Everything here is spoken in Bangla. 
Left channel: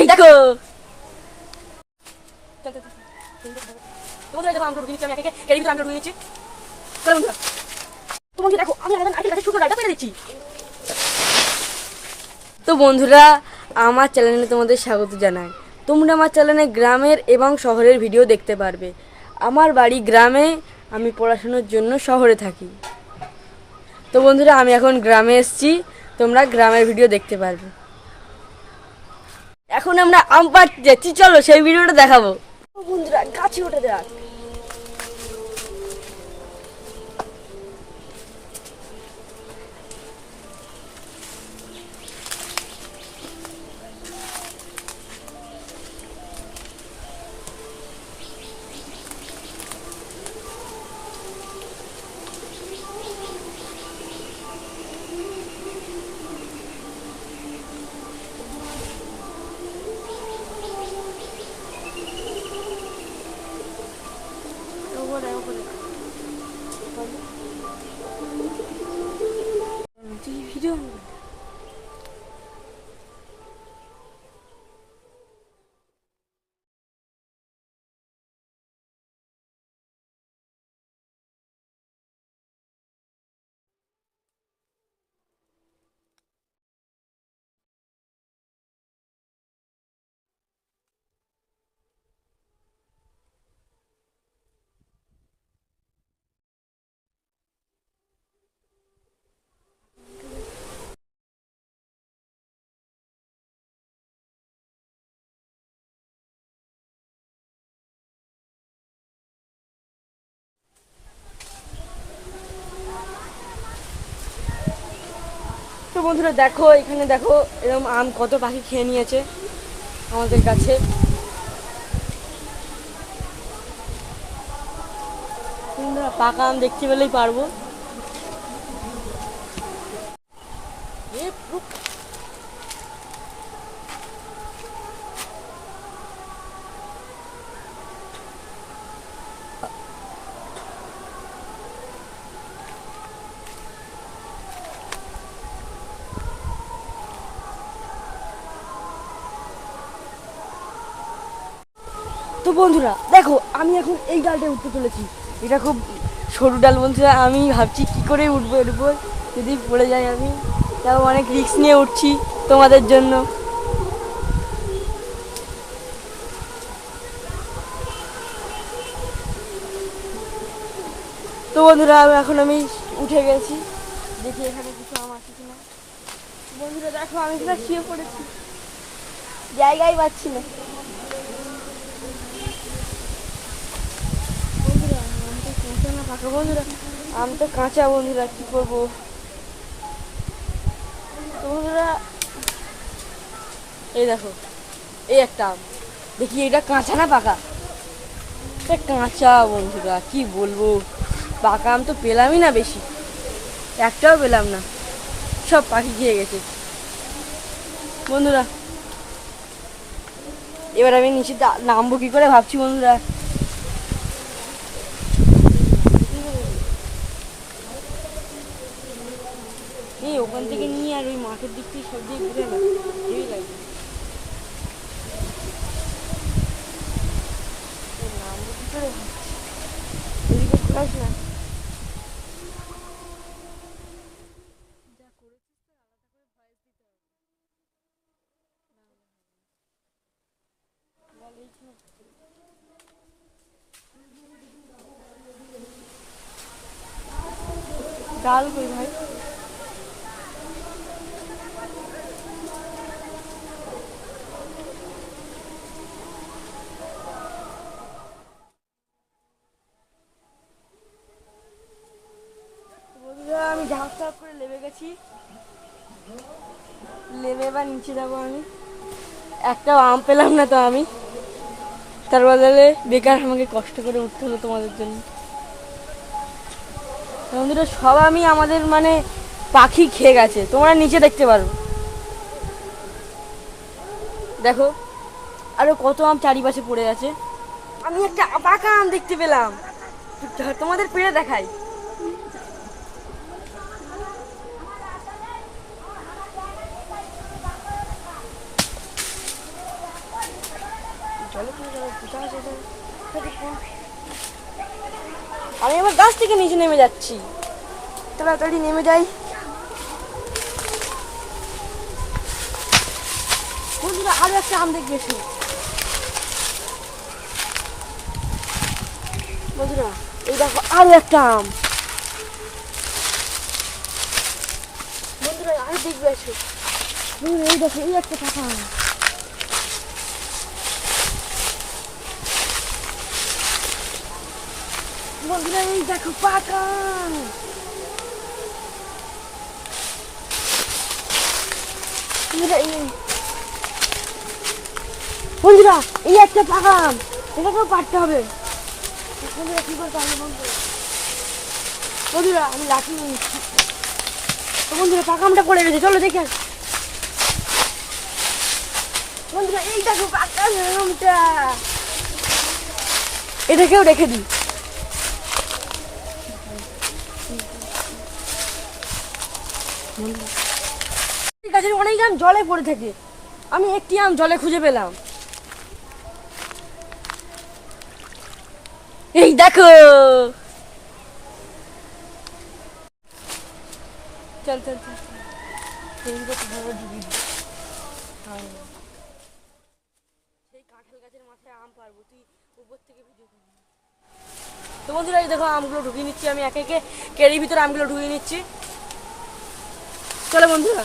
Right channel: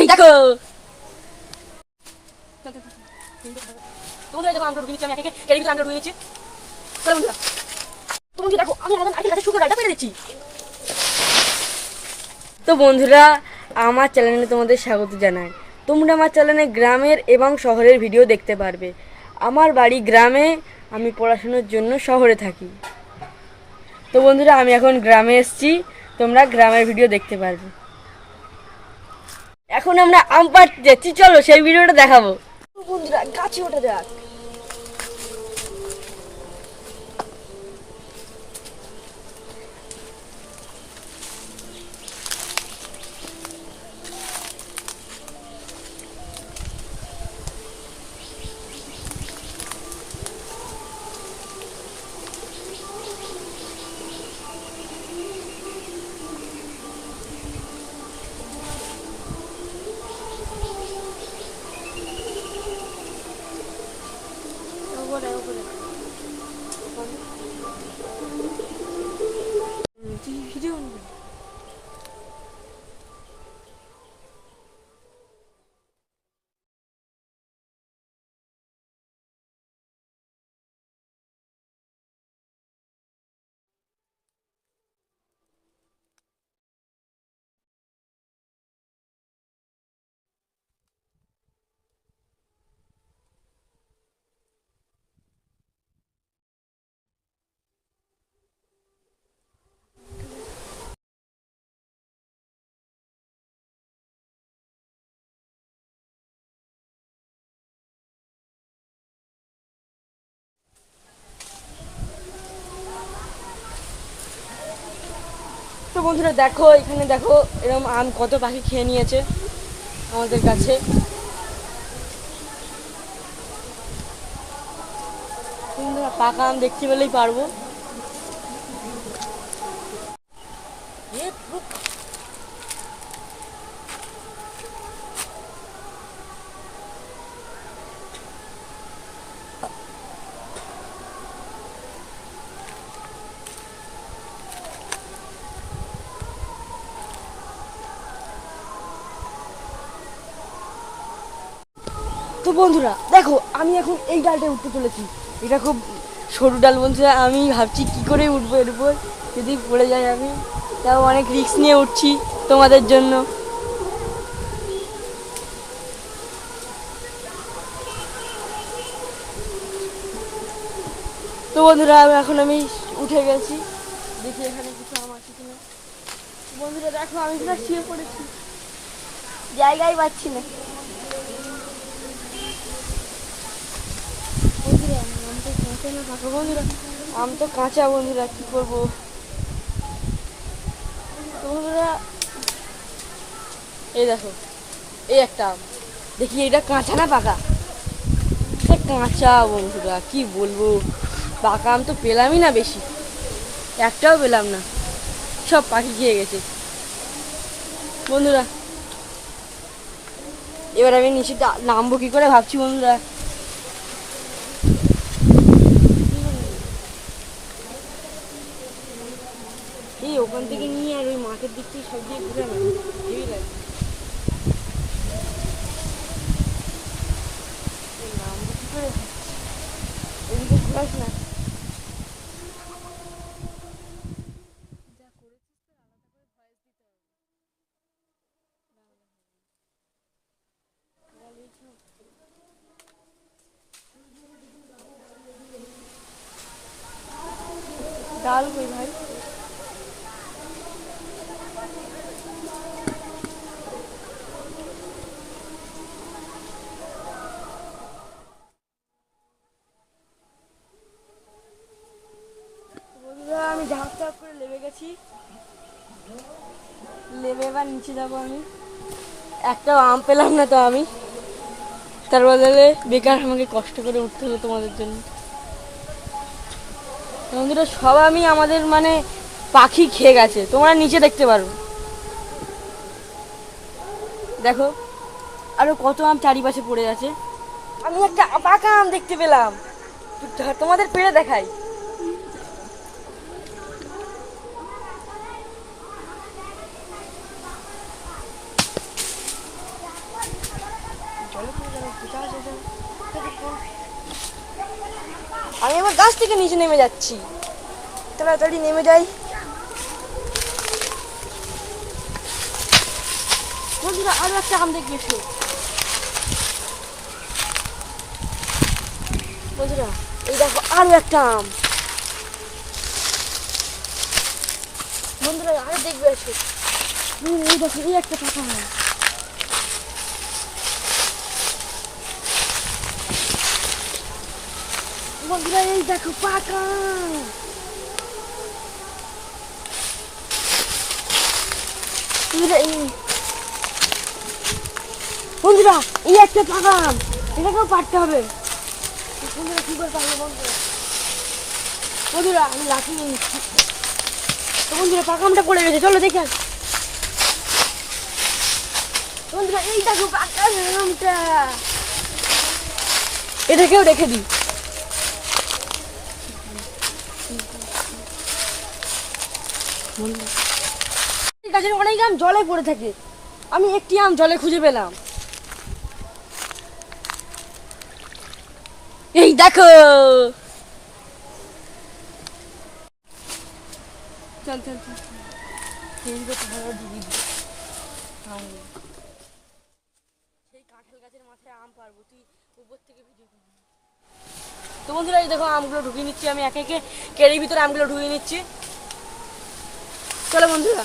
এই দেখো তোমাদের দেখো আমরা রুগী আমি একে এর ভিতরে আমরা রুগী নিচ্ছি। চলো বন্ধুরা তোমাকে দেখো আমি এখন আজকে শুরু ডাটা করে দিচ্ছি। তো বন্ধুরা আমার চ্যানেলে তোমাদের স্বাগত জানাই। তোমরা আমার চ্যানেলে গ্রামের এবং শহরের ভিডিও দেখতে পারবে। আমার বাড়ি গ্রামে, আমি পড়াশোনার জন্য শহরে থাকি। তো বন্ধুরা আমি এখন গ্রামে এসেছি, তোমরা গ্রামের ভিডিও দেখতে পারবে। এখন আমরা আম পাড়তে যাচ্ছি, চলো সেই ভিডিওটা দেখাবো। বন্ধুরা গাছে ওঠে দেখ। তো বন্ধুরা দেখো এখানে দেখো এরকম আম কত পাখি খেয়ে নিয়েছে আমাদের কাছে। বন্ধুরা পাকা আম দেখতে পেলেই পারবো। তো বন্ধুরা দেখো আমি এখন এই ডালটায় উঠতে চলেছি। এটা খুব সরু ডাল বন্ধুরা, আমি ভাবছি কি করে উঠবো এর উপর, যদি পড়ে যাই আমি। তাও অনেক রিস্ক নিয়ে উঠছি তোমাদের জন্য। তো বন্ধুরা এখন আমি উঠে গেছি, দেখি এখানে কিছু আম আছে কিনা। বন্ধুরা দেখো আমি কিনা শুয়ে পড়েছি, জায়গায় পাচ্ছি না। বন্ধুরা আম তো কাঁচা না পাকা, বন্ধুরা আম তো কাঁচা। বন্ধুরা কি করবো। তো বন্ধুরা এই দেখো এই একটা আম, দেখি এটা কাঁচা না পাকা। এটা কাঁচা বন্ধুরা, কি বলবো। পাকা আম তো পেলামই না বেশি, একটাও পেলাম না, সব পাখি খেয়ে গেছে। বন্ধুরা এবার আমি নিচে নামবো কি করে ভাবছি। বন্ধুরা এই ওখান থেকে নিয়ে আর ওই মাঠের দিক থেকে সব দিয়ে ঘুরে না, ঠিক আছে নামবো কি করে ভাবছি। এদিকে ঘুরাস না। ডাল কই ভাই। বন্ধুরা আমি ঝাঁক ঝাঁক করে লেবে গেছি, লেবে এবার নিচে যাবো আমি। একটা আম পেলাম না তো আমি, তার বদলে বেকার আমাকে কষ্ট করে উঠতে হলো তোমাদের জন্য। বন্ধুরা সব আমি আমাদের মানে পাখি খেয়ে গেছে, তোমরা নিচে দেখতে পারো। দেখো আরো কত আম চারিপাশে পড়ে আছে। আমি একটা পাকা আম দেখতে পেলাম, তোমাদের পেড়ে দেখাই। চলো আমি আমার গাছ থেকে নিচে নেমে যাচ্ছি, তাড়াতাড়ি নেমে যাই। বন্ধুরা আরো একটা আম দেখে এসো। বন্ধুরা এই দেখো আরো একটা আম। বন্ধুরা আরো দেখবে এসো। এই দেখো এই একটা পাকা আম। বন্ধুরা এই দেখো পাকা আম। বন্ধুরা এই একটা পাকা আম, এটাকেও পারতে হবে। বন্ধুরা কি করে পারবো বন্ধুরা আমি লাঠি নিয়ে নিচ্ছি। তো বন্ধুরা পাকা আমটা পড়ে গেছে, চলো দেখে আসি। বন্ধুরা এই দেখো পাকা আমটা, এটাকেও রেখে দিই। গাছের অনেক আম জলে পড়ে থাকে, আমি একটি আম জলে খুঁজে পেলাম। এই দেখো চল চল চল সেই কাঁঠাল গাছের মাথায় আম পারবো, তুই উপর থেকে ভিডিও করবি। তো বন্ধুরা এই দেখো আমগুলো ঢুকিয়ে নিচ্ছি, আমি একে একে কেড়ির ভিতরে আমগুলো ঢুকিয়ে নিচ্ছি। চলো বন্ধুরা।